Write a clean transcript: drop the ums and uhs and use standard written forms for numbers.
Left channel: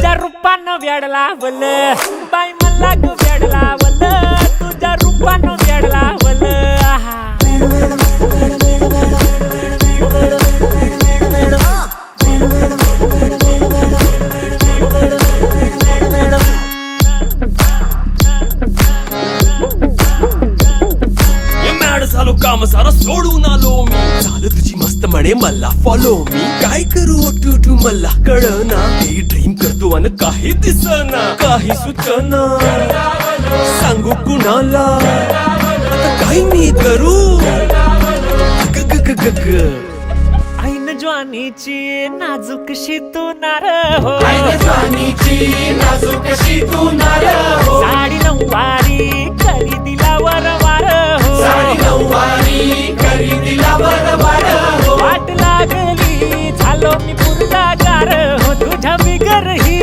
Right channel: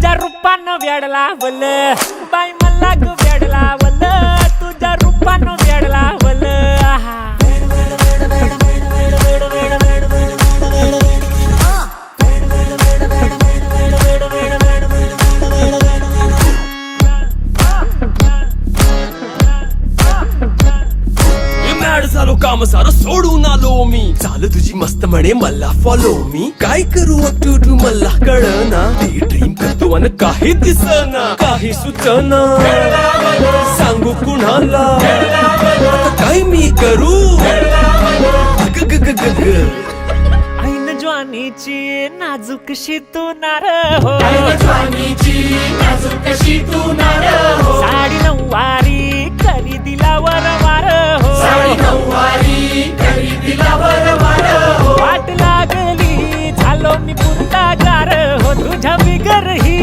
तुझ्या रूपानं वेड लावलं बाई मला ग वेड लावलं तुझ्या रूपानं वेड लावलं आहा झालो काम सारं सोडून आलो मी चाल तुझी मस्त म्हणे मला फॉलो मी काय करू अटू मला कळना ड्रीम करतो आणि काही दिसना काही सुचना सांगू कुणाला आता काय मी करू ऐन ज्वानीची नाजूकशी तू नार हो साडी नऊवारी करी दिला वरवार हो वाट लागली झालो मी पुरता गार हो तुझ्या बिगर ही